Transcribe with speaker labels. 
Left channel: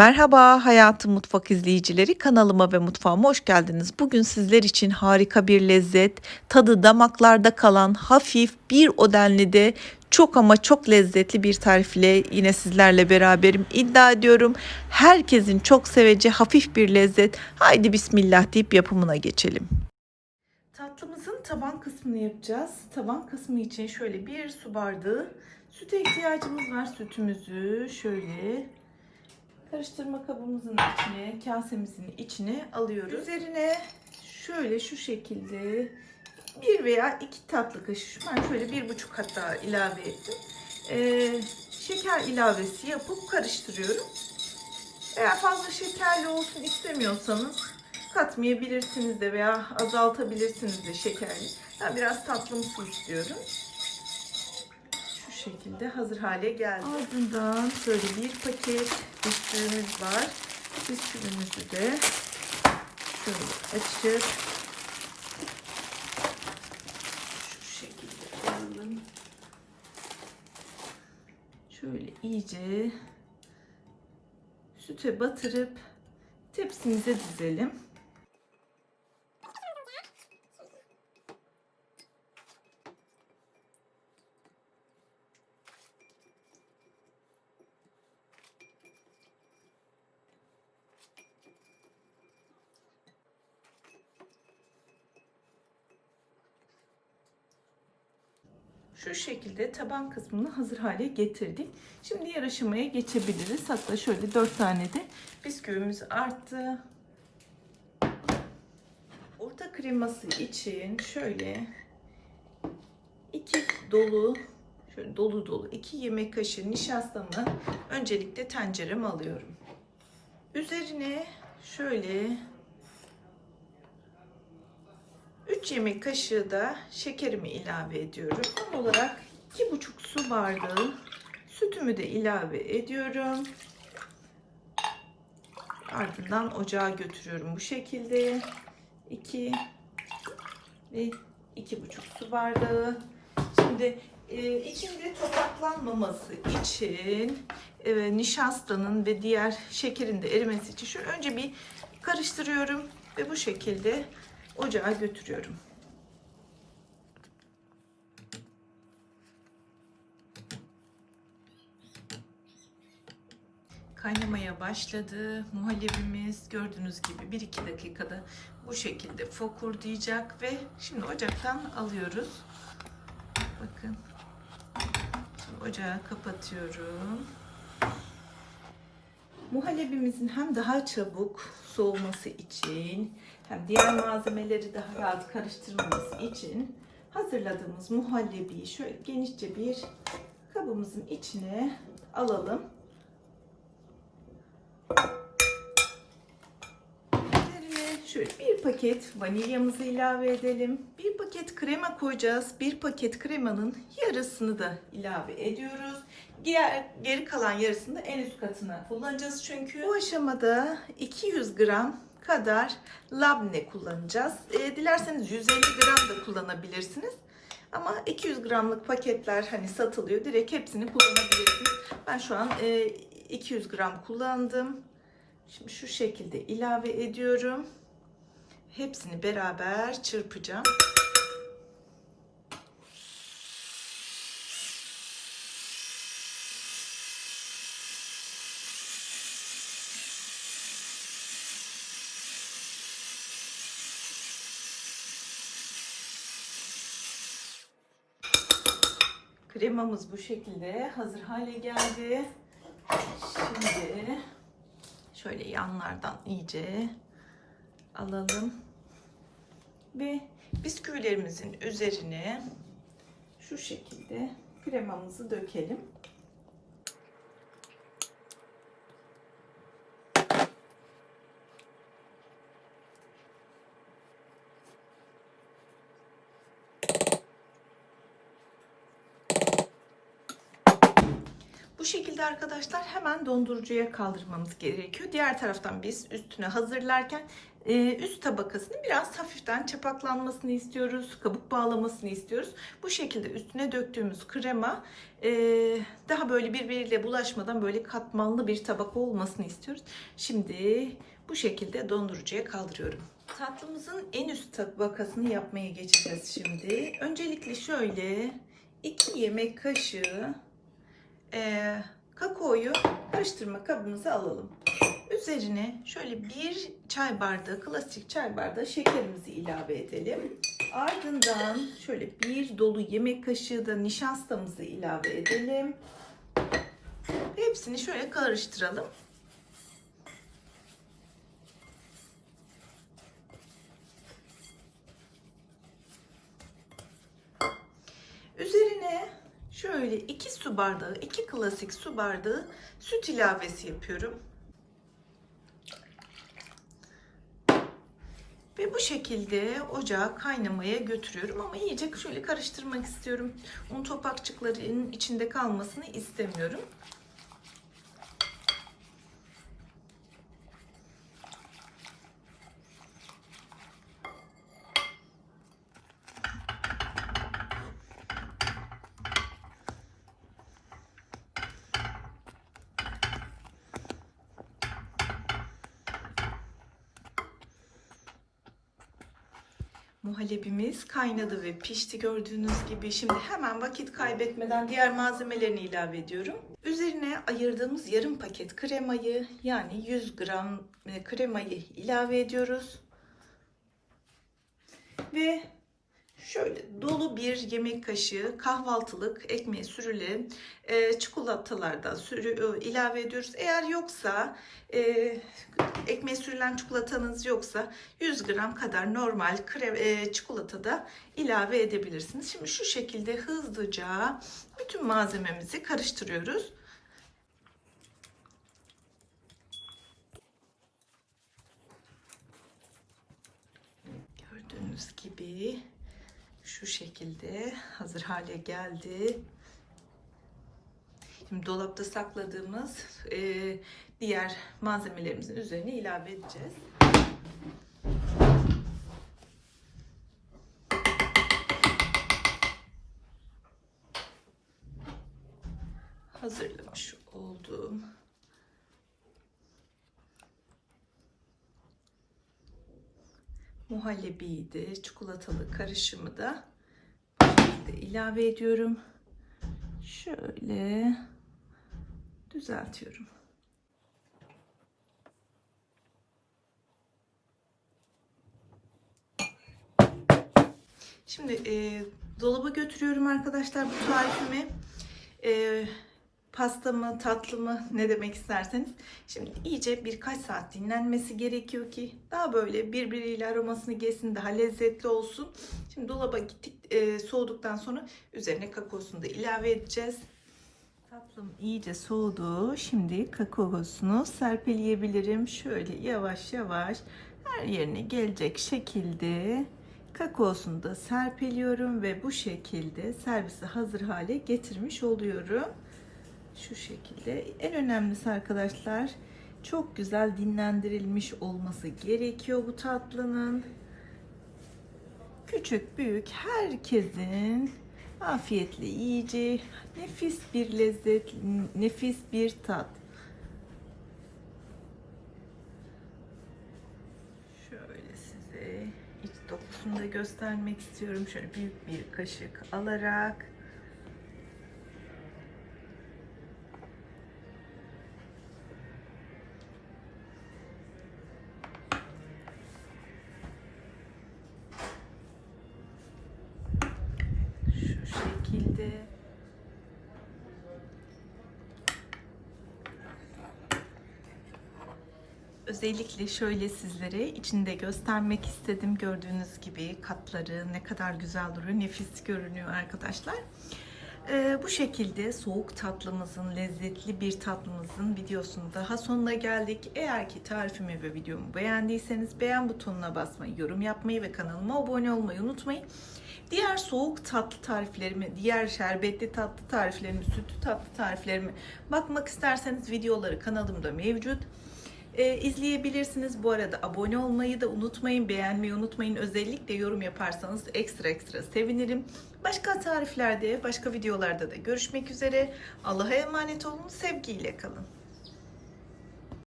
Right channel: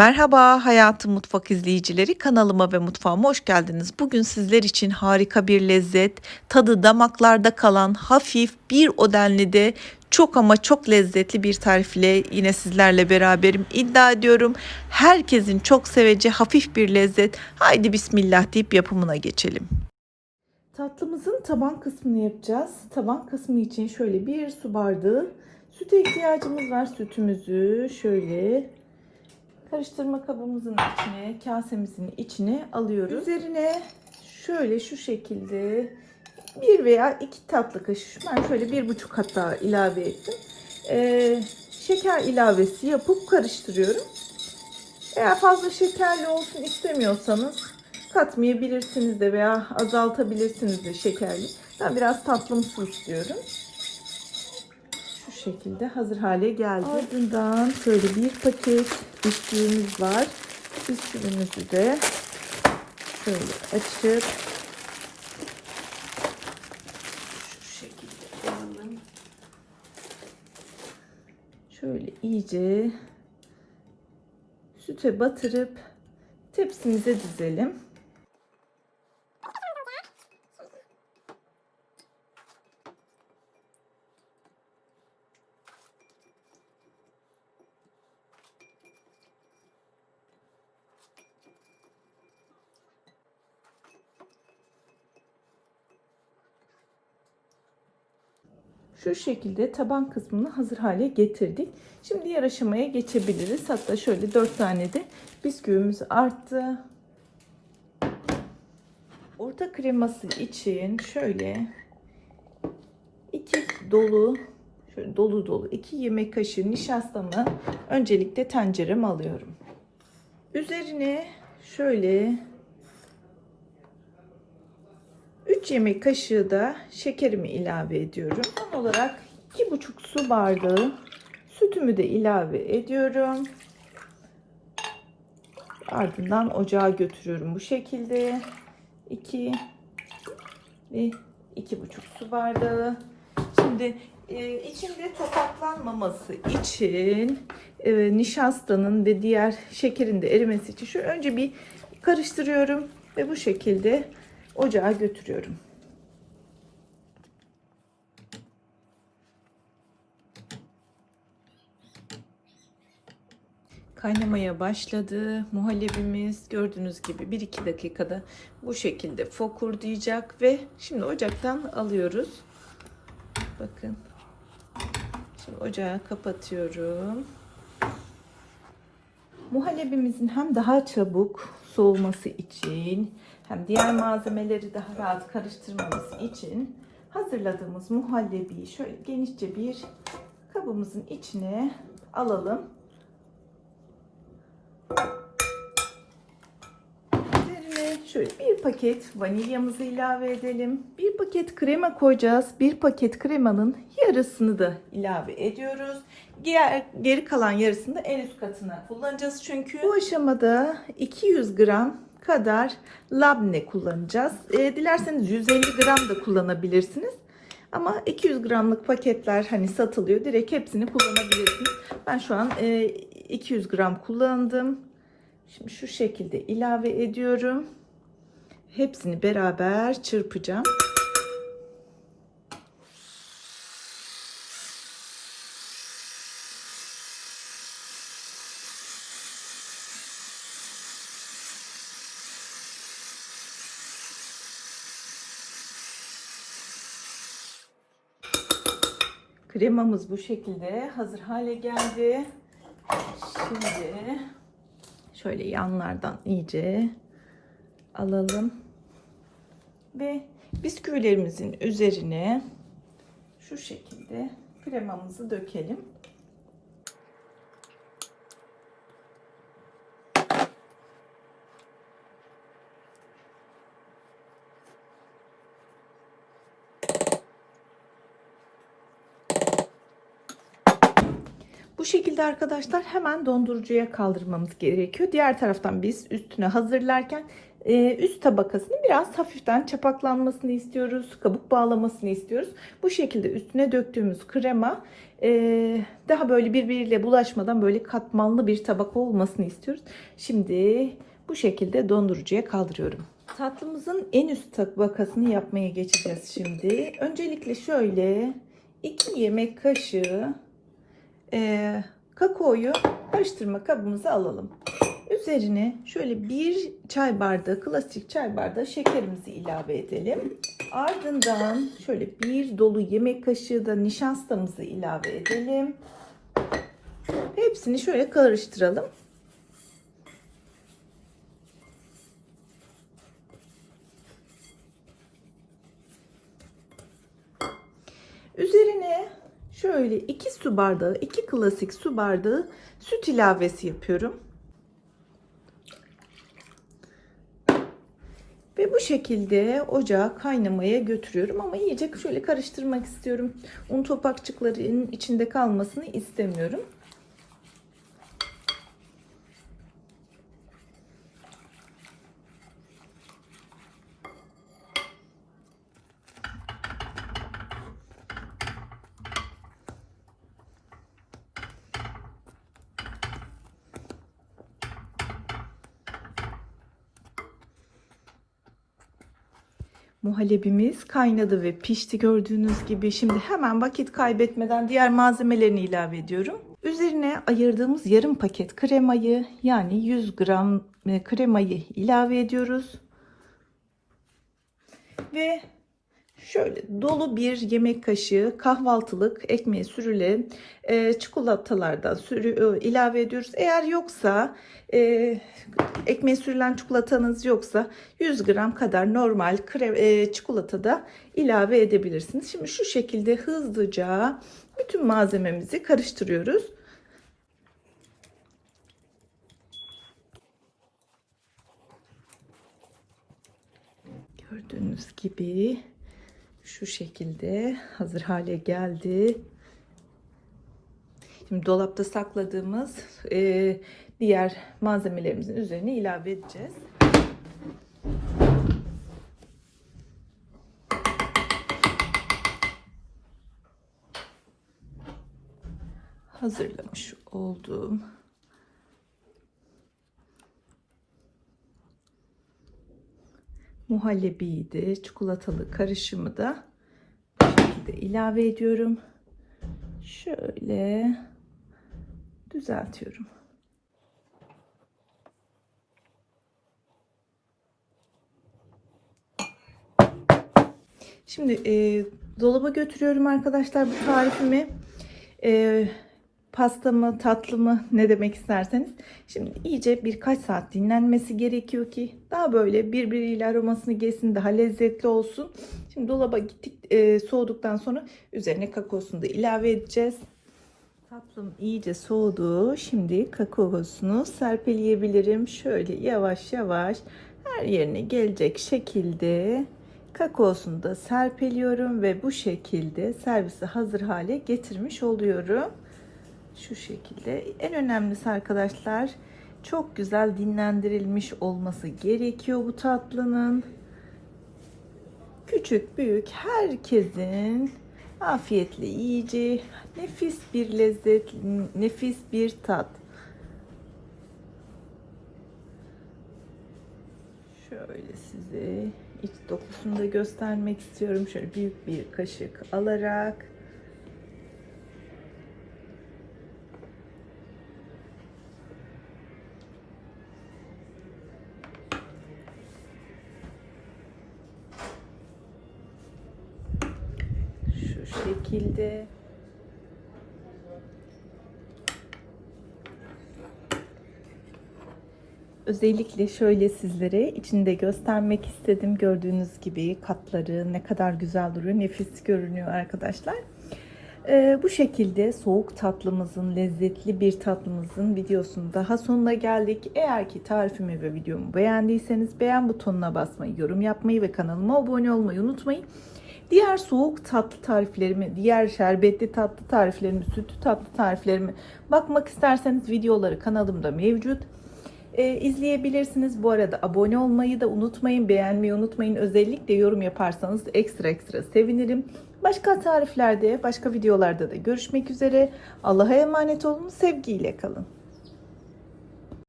Speaker 1: Merhaba Hayatım Mutfak izleyicileri kanalıma ve mutfağıma hoş geldiniz. Bugün sizler için harika bir lezzet, tadı damaklarda kalan hafif bir o denli de çok ama çok lezzetli bir tarifle yine sizlerle beraberim. İddia ediyorum herkesin çok seveceği hafif bir lezzet. Haydi bismillah deyip yapımına geçelim. Tatlımızın taban kısmını yapacağız. Taban kısmı için şöyle bir su bardağı süte ihtiyacımız var. Sütümüzü şöyle karıştırma kabımızın içine, kasemizin içine alıyoruz. Üzerine şöyle şu şekilde bir veya iki tatlı kaşığı, ben şöyle bir buçuk hatta ilave ettim. Ee, şeker ilavesi yapıp karıştırıyorum. Eğer fazla şekerli olsun istemiyorsanız katmayabilirsiniz de veya azaltabilirsiniz de şekerli. Ben biraz tatlımsı istiyorum. Şekilde hazır hale geldi. Ardından şöyle bir paket bisküvimiz var. Bisküvimizi de şöyle açıp şu şekilde alalım. Şöyle iyice süte batırıp tepsimize dizelim. Şu şekilde taban kısmını hazır hale getirdik. Şimdi diğer aşamaya geçebiliriz. Hatta şöyle 4 tane de bisküvimiz arttı. Orta kreması için şöyle iki dolu şöyle dolu dolu 2 yemek kaşığı nişastamı öncelikle tencereme alıyorum. Üzerine şöyle 3 yemek kaşığı da şekerimi ilave ediyorum. Son olarak 2,5 su bardağı sütümü de ilave ediyorum. Ardından ocağa götürüyorum bu şekilde. 2 ve 2,5 su bardağı. Şimdi e, içinde topaklanmaması için e, nişastanın ve diğer şekerin de erimesi için şu önce bir karıştırıyorum ve bu şekilde ocağa götürüyorum. Kaynamaya başladı. Muhallebimiz gördüğünüz gibi 1-2 dakikada bu şekilde fokurdayacak ve şimdi ocaktan alıyoruz. Bakın. Ocağı kapatıyorum. Muhallebimizin hem daha çabuk soğuması için hem diğer malzemeleri daha rahat karıştırmamız için hazırladığımız muhallebiyi şöyle genişçe bir kabımızın içine alalım. Üzerine şöyle bir paket vanilyamızı ilave edelim. Bir paket krema koyacağız. Bir paket kremanın yarısını da ilave ediyoruz. Diğer, geri kalan yarısını da en üst katına kullanacağız. Çünkü bu aşamada 200 gram kadar labne kullanacağız. E, dilerseniz 150 gram da kullanabilirsiniz. Ama 200 gramlık paketler hani satılıyor. Direkt hepsini kullanabilirsiniz. Ben şu an e, 200 gram kullandım. Şimdi şu şekilde ilave ediyorum. Hepsini beraber çırpacağım. Kremamız bu şekilde hazır hale geldi. Şimdi şöyle yanlardan iyice alalım. Ve bisküvilerimizin üzerine şu şekilde kremamızı dökelim. Bu şekilde arkadaşlar hemen dondurucuya kaldırmamız gerekiyor. Diğer taraftan biz üstüne hazırlarken Ee, üst tabakasını biraz hafiften çapaklanmasını istiyoruz. Kabuk bağlamasını istiyoruz. Bu şekilde üstüne döktüğümüz krema e, daha böyle birbiriyle bulaşmadan böyle katmanlı bir tabaka olmasını istiyoruz. Şimdi bu şekilde dondurucuya kaldırıyorum. Tatlımızın en üst tabakasını yapmaya geçeceğiz şimdi. Öncelikle şöyle 2 yemek kaşığı e, kakaoyu karıştırma kabımıza alalım. Üzerine şöyle bir çay bardağı, klasik çay bardağı şekerimizi ilave edelim. Ardından şöyle bir dolu yemek kaşığı da nişastamızı ilave edelim. Hepsini şöyle karıştıralım. Üzerine şöyle 2 su bardağı, 2 klasik su bardağı süt ilavesi yapıyorum. Ve bu şekilde ocağa kaynamaya götürüyorum ama iyice şöyle karıştırmak istiyorum. Un topakçıkların içinde kalmasını istemiyorum. Muhallebimiz kaynadı ve pişti gördüğünüz gibi. Şimdi hemen vakit kaybetmeden diğer malzemelerini ilave ediyorum. Üzerine ayırdığımız yarım paket kremayı yani 100 gram e, kremayı ilave ediyoruz. Ve şöyle dolu bir yemek kaşığı kahvaltılık ekmeği sürüle e, çikolatalardan sürü, e, ilave ediyoruz. Eğer yoksa e, ekmeğe sürülen çikolatanız yoksa 100 gram kadar normal krem, e, çikolata da ilave edebilirsiniz. Şimdi şu şekilde hızlıca bütün malzememizi karıştırıyoruz. Gördüğünüz gibi şu şekilde hazır hale geldi. Şimdi dolapta sakladığımız e, diğer malzemelerimizin üzerine ilave edeceğiz. Hazırlamış olduğum muhallebiyi de çikolatalı karışımı da bu şekilde ilave ediyorum. Şöyle düzeltiyorum. Şimdi e, dolaba götürüyorum arkadaşlar bu tarifimi. E, pastamı, tatlımı ne demek isterseniz. Şimdi iyice birkaç saat dinlenmesi gerekiyor ki daha böyle birbiriyle aromasını geçsin, daha lezzetli olsun. Şimdi dolaba gittik e, soğuduktan sonra üzerine kakaosunu da ilave edeceğiz. Tatlım iyice soğudu. Şimdi kakaosunu serpeleyebilirim. Şöyle yavaş yavaş her yerine gelecek şekilde kakaosunu da serpeliyorum ve bu şekilde servise hazır hale getirmiş oluyorum. Şu şekilde. En önemlisi arkadaşlar çok güzel dinlendirilmiş olması gerekiyor bu tatlının. Küçük büyük herkesin afiyetle yiyeceği nefis bir lezzet, nefis bir tat. Şöyle size iç dokusunu da göstermek istiyorum. Şöyle büyük bir kaşık alarak şu şekilde Özellikle şöyle sizlere içinde göstermek istedim. Gördüğünüz gibi katları ne kadar güzel duruyor. Nefis görünüyor arkadaşlar. Ee, bu şekilde soğuk tatlımızın, lezzetli bir tatlımızın videosunun daha sonuna geldik. Eğer ki tarifimi ve videomu beğendiyseniz beğen butonuna basmayı, yorum yapmayı ve kanalıma abone olmayı unutmayın. Diğer soğuk tatlı tariflerimi, diğer şerbetli tatlı tariflerimi, sütlü tatlı tariflerimi bakmak isterseniz videoları kanalımda mevcut. e, izleyebilirsiniz. Bu arada abone olmayı da unutmayın, beğenmeyi unutmayın. Özellikle yorum yaparsanız ekstra ekstra sevinirim. Başka tariflerde, başka videolarda da görüşmek üzere. Allah'a emanet olun, sevgiyle kalın.